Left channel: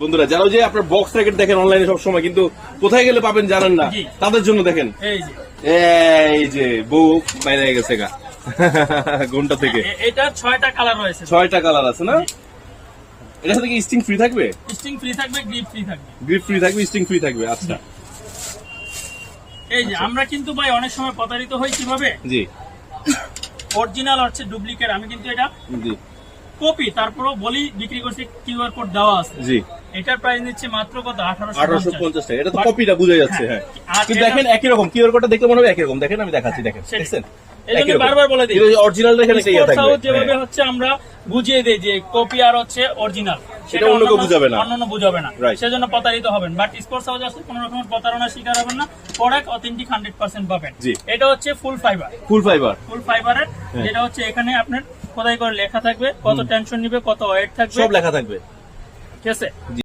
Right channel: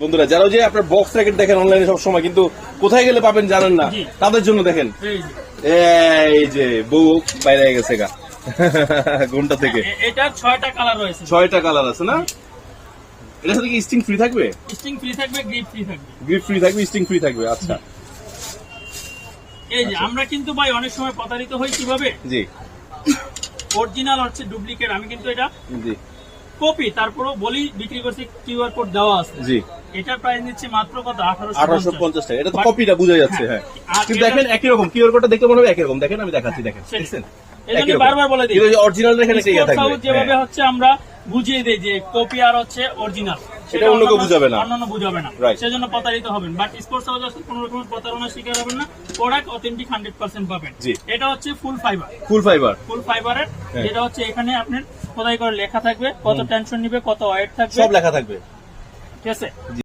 বন্ধুরা যারা যে আপনার বক্স র্যাকেট দেখেন অনলাইনে সবসময় কিন্তু কোথায় গেলে পাবেন জানেন না, তাদের জন্য দেখেন এই যে বুক বাইরে গেছে গা ঘন্টা থেকে। এটা 6টা কালার রয়েছে, 6টা কালার আছে না? এটার সাথে কি স্টিং ফ্রি থাকবে? স্টিং ফ্রি থাকবে, গ্রিপ ফ্রি থাকবে। গ্রিপ ফ্রি থাকবে, স্টিং ফ্রি থাকবে। আচ্ছা এই যে আমরা কিন্তু ভাই অনেক সময় প্রতারিত হই কিভাবে, জি অরিজিনাল হচ্ছে ডুপ্লিকেট। আমি কিন্তু এটা জি কপি, তারপরেও বলি বিক্রি করছি, কিউআর কোড দেওয়া আছে। জি এটার প্রাইস নিচ্ছে মাত্র কত? 1850 টাকা। এটা তো কপিটা বোঝা যাচ্ছে। হ্যাঁ কিন্তু দেখেন একই রকম, কিউআর কোডটা দেখে মনে হবে একই রকম। দেখেন আমি দেখাচ্ছি, দেখেন দেখছেন এজন্য বারবার বলে দিই অরিজিনাল দেখেন এটা থাকবে। যেভাবে হচ্ছে আমরা বুঝিয়ে দেই যে কপি আর হচ্ছে অরিজিনাল, সেটা অন্য কেউ বুঝাবে না, অন্য বুঝাবে না, সেজন্য প্রতারিত হবেন। বাট স্পোর্টস হাউস আসলে কোনো রকমের প্রতারণার শিকার হবেন না, প্রোডাক্ট অথেন্টিক 100% পাবেন। এটা হচ্ছে ফুল ফাইবার, ফুল ফাইবারের, যেটা হচ্ছে এখানে আপনার খোদাই করে লেখা থাকবে, কত টেনশন নিবে, কত ওয়েট থাকবে, সব লেখা থাকবে। ঠিক আছে।